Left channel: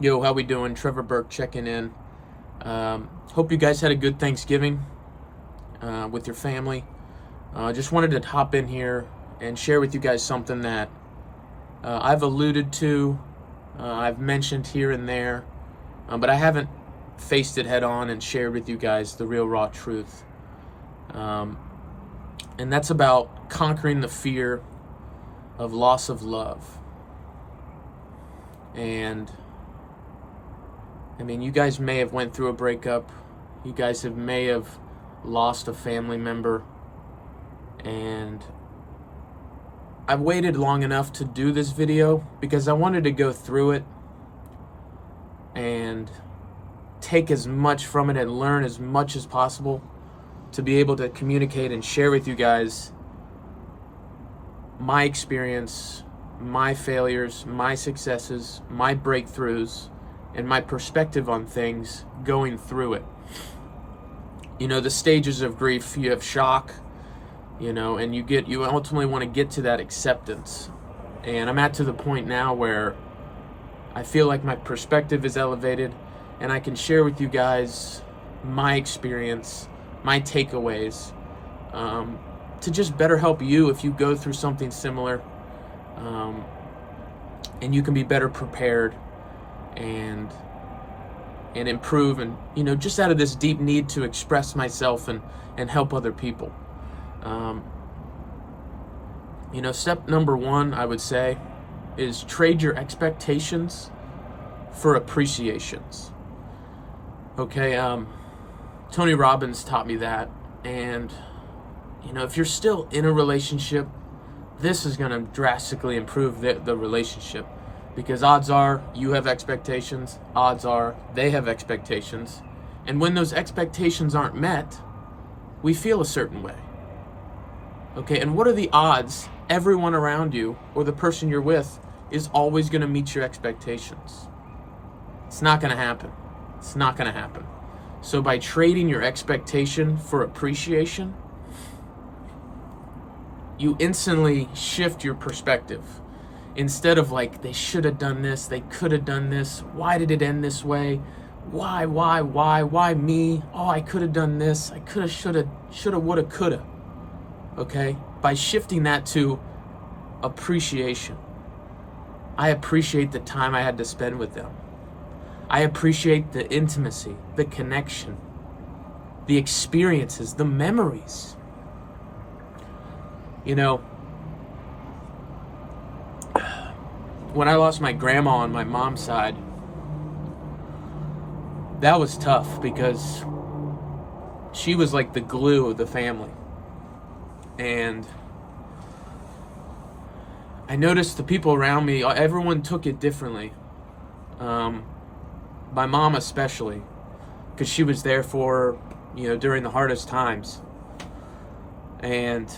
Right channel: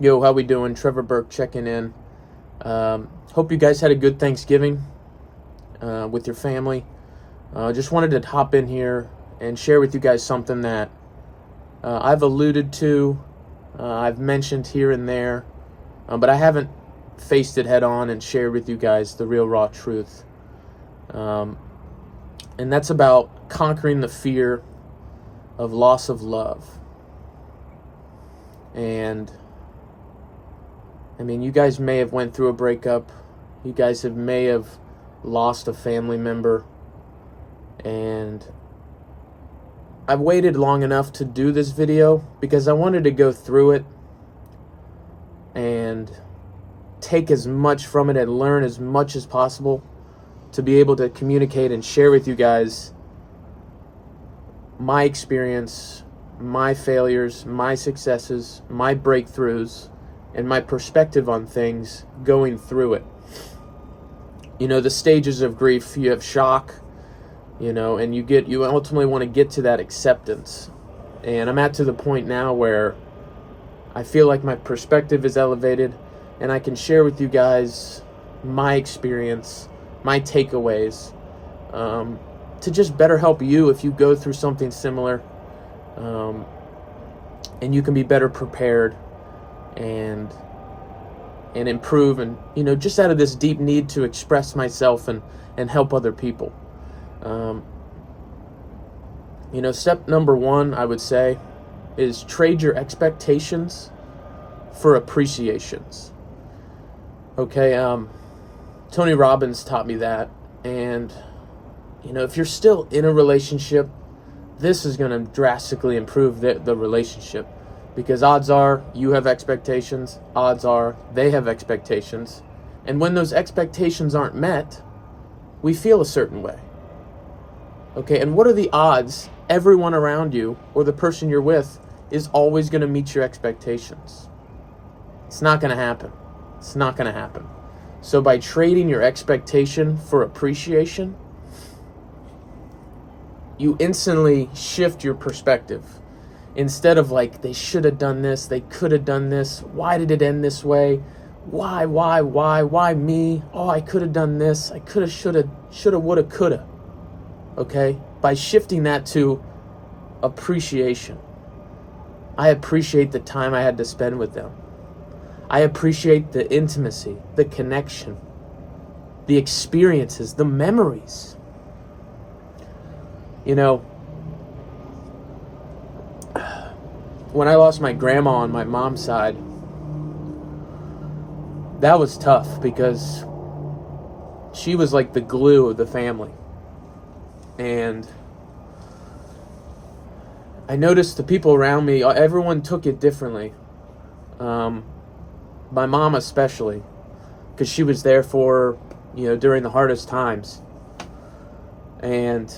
Yo, how we doing? Trevor Burke checking in. Hope you guys had a good Thanksgiving with your family. Just wanted to hop in here and share with you guys something that I've alluded to, I've mentioned here and there, but I haven't faced it head on and shared with you guys the real raw truth. And that's about conquering the fear of loss of love. And I mean, you guys may have went through a breakup. You guys may have lost a family member. And I've waited long enough to do this video because I wanted to go through it and take as much from it and learn as much as possible to be able to communicate and share with you guys my experience, my failures, my successes, my breakthroughs, and my perspective on things going through it. You know, the stages of grief, you have shock, and you ultimately want to get to that acceptance. And I'm to the point now where I feel like my perspective is elevated and I can share with you guys my experience, my takeaways, to just better help you if you go through something similar, and you can be better prepared and improve, and just out of this deep need to express myself and help other people. Step number one, I would say, is trade your expectations for appreciations. Okay, Tony Robbins taught me that, and if you're still in a relationship, this is going to drastically improve the relationship. Because odds are you have expectations, odds are they have expectations. And when those expectations aren't met, we feel a certain way. Okay, and what are the odds everyone around you or the person you're with is always going to meet your expectations? It's not going to happen. It's not going to happen. So by trading your expectation for appreciation, you instantly shift your perspective. Instead of like, they should have done this, they could have done this, why did it end this way? Why me? Oh, I could have done this, I could have, shoulda, woulda, coulda. Okay? By shifting that to appreciation. I appreciate the time I had to spend with them. I appreciate the intimacy, the connection, the experiences, the memories. When I lost my grandma on my mom's side, that was tough because she was like the glue of the family. And I noticed the people around me, everyone took it differently. My mom especially, because she was there for her, during the hardest times. And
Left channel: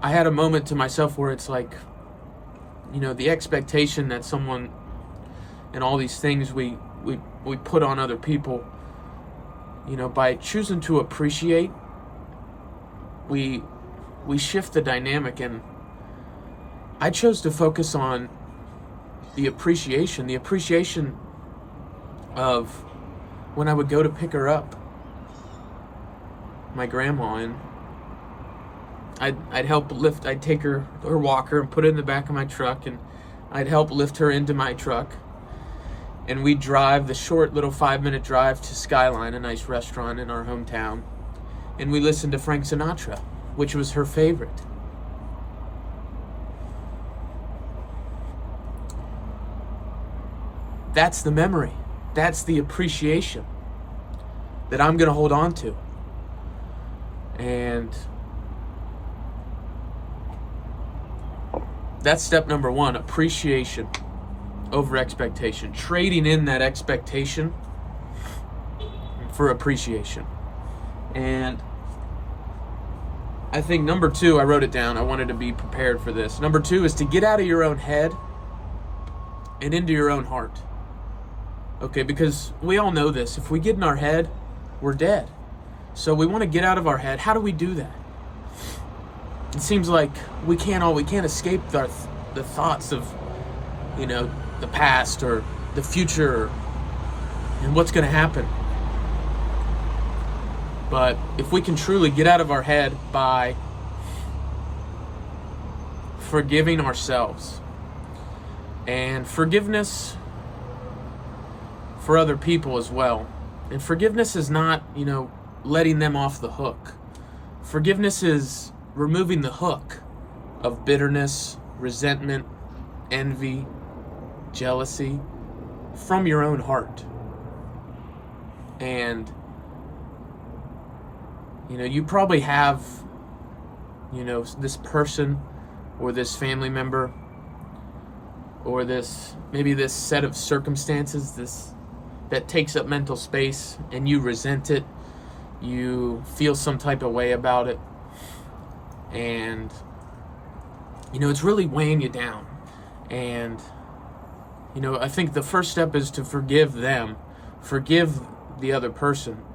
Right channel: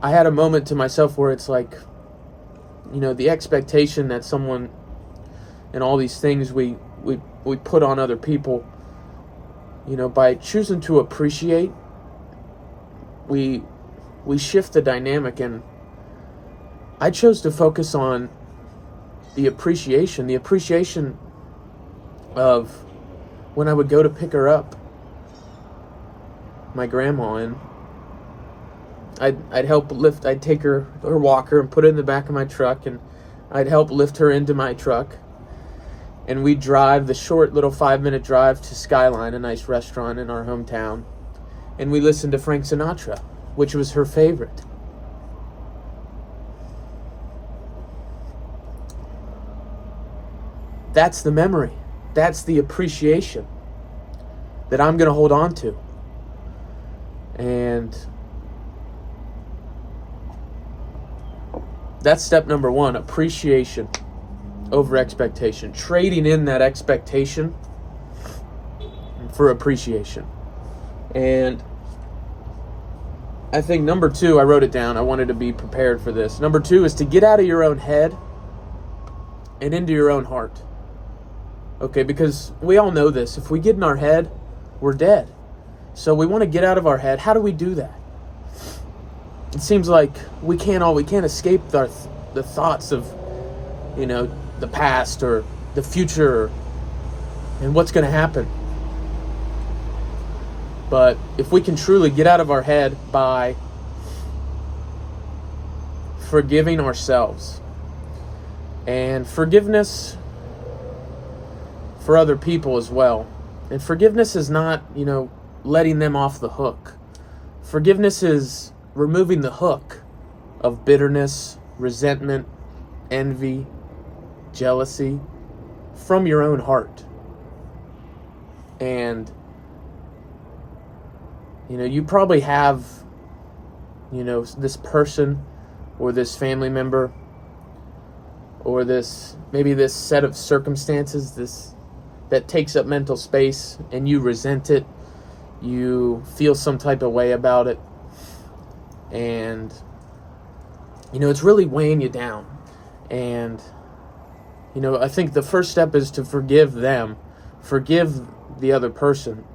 I had a moment to myself where it's like, the expectation that someone and all these things we put on other people, by choosing to appreciate, we shift the dynamic. And I chose to focus on the appreciation of when I would go to pick her up, my grandma, and I'd help lift, I'd take her walker and put it in the back of my truck, and I'd help lift her into my truck. And we'd drive the short little 5-minute drive to Skyline, a nice restaurant in our hometown. And we listened to Frank Sinatra, which was her favorite. That's the memory. That's the appreciation that I'm going to hold on to. And that's step number one, appreciation over expectation. Trading in that expectation for appreciation. And I think number two, I wrote it down. I wanted to be prepared for this. Number two is to get out of your own head and into your own heart. Okay, because we all know this. If we get in our head, we're dead. So we want to get out of our head. How do we do that? It seems like we can't escape the thoughts of the past or the future and what's going to happen. But if we can truly get out of our head by forgiving ourselves, and forgiveness for other people as well. And forgiveness is not, letting them off the hook. Forgiveness is removing the hook of bitterness, resentment, envy, jealousy from your own heart. And, you probably have, this person or this family member or maybe this set of circumstances, that takes up mental space, and you resent it, you feel some type of way about it, and it's really weighing you down. And I think the first step is to forgive them, forgive the other person,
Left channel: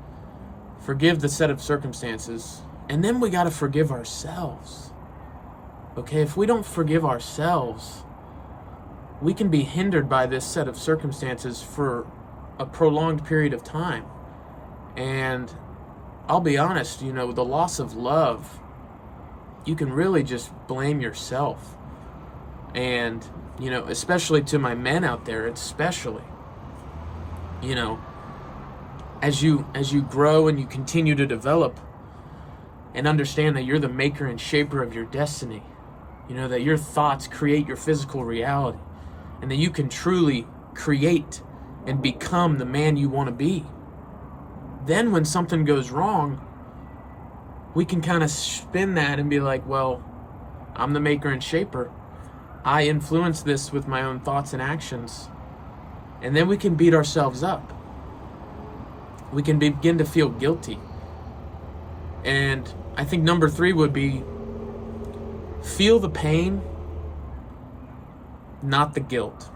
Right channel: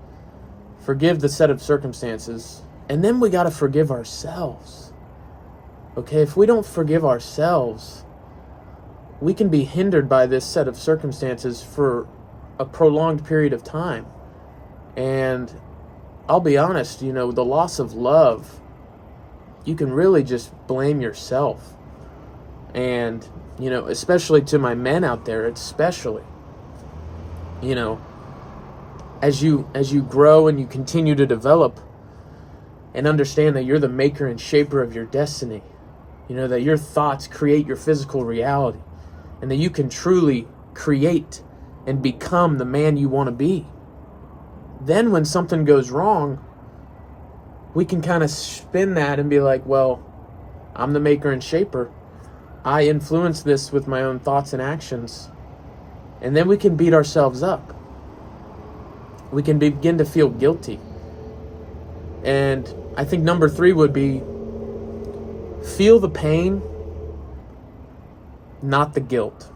forgive the set of circumstances, and then we got to forgive ourselves. Okay, if we don't forgive ourselves, we can be hindered by this set of circumstances for a prolonged period of time. And I'll be honest, the loss of love, you can really just blame yourself. And, especially to my men out there, especially, as you grow and you continue to develop and understand that you're the maker and shaper of your destiny, that your thoughts create your physical reality, and that you can truly create and become the man you want to be. Then when something goes wrong, we can kind of spin that and be like, well, I'm the maker and shaper. I influence this with my own thoughts and actions. And then we can beat ourselves up. We can begin to feel guilty. And I think number 3 would be feel the pain, not the guilt.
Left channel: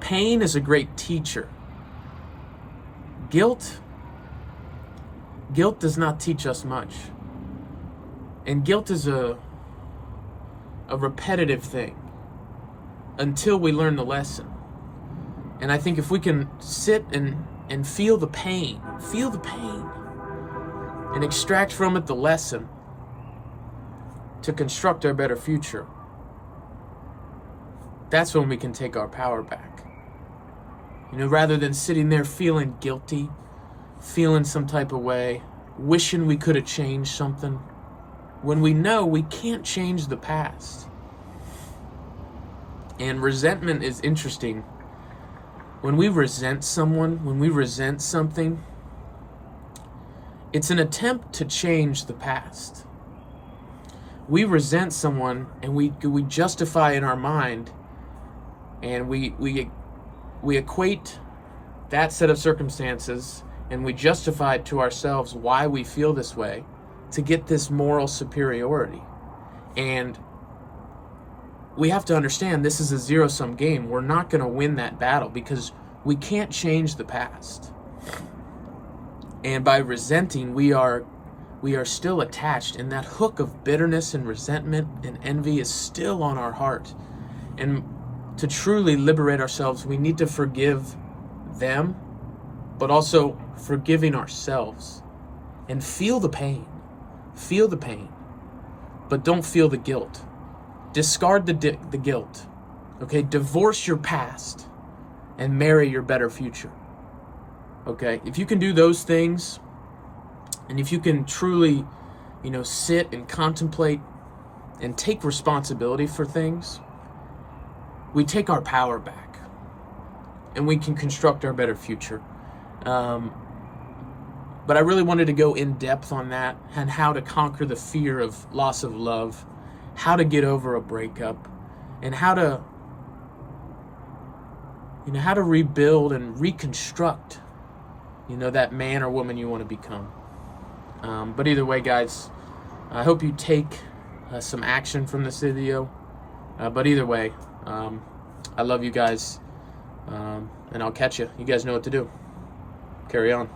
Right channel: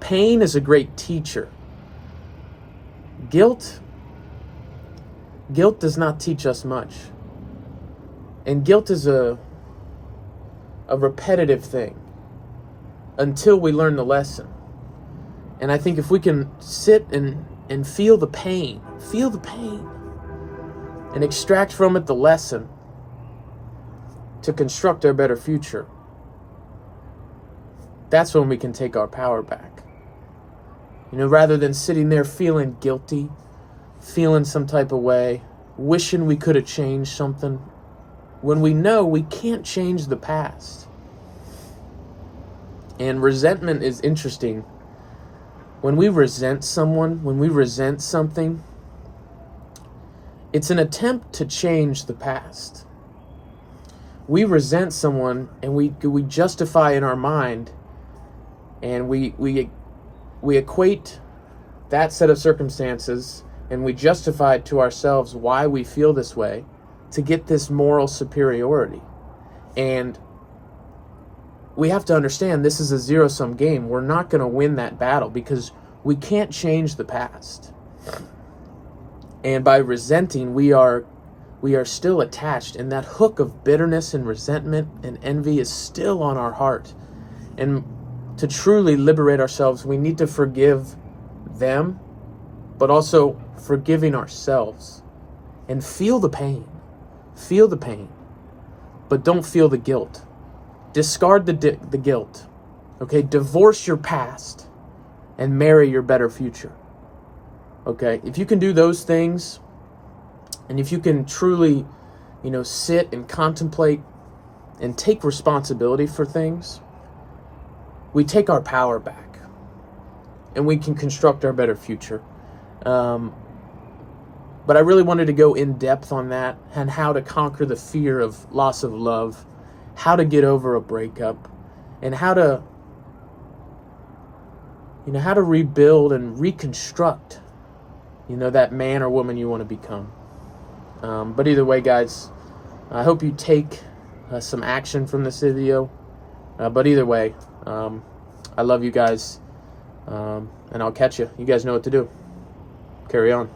Pain is a great teacher. Guilt does not teach us much. And guilt is a repetitive thing until we learn the lesson. And I think if we can sit and feel the pain, and extract from it the lesson to construct our better future, that's when we can take our power back. Rather than sitting there feeling guilty, feeling some type of way, wishing we could have changed something, when we know we can't change the past. And resentment is interesting. When we resent someone, when we resent something, it's an attempt to change the past. We resent someone and we justify in our mind, and we equate that set of circumstances, and we justify to ourselves why we feel this way to get this moral superiority. And we have to understand this is a zero-sum game. We're not going to win that battle because we can't change the past. And by resenting, we are still attached, and that hook of bitterness and resentment and envy is still on our heart. And to truly liberate ourselves, we need to forgive them, but also forgiving ourselves. And feel the pain. Feel the pain. But don't feel the guilt. Discard the guilt. Okay? Divorce your past and marry your better future. Okay? If you can do those things, and if you can truly, sit and contemplate and take responsibility for things, we take our power back and we can construct our better future. But I really wanted to go in depth on that and how to conquer the fear of loss of love, how to get over a breakup, and how to rebuild and reconstruct, that man or woman you want to become. But either way, guys, I hope you take some action from this video. But either way, I love you guys, and I'll catch you. You guys know what to do. Carry on.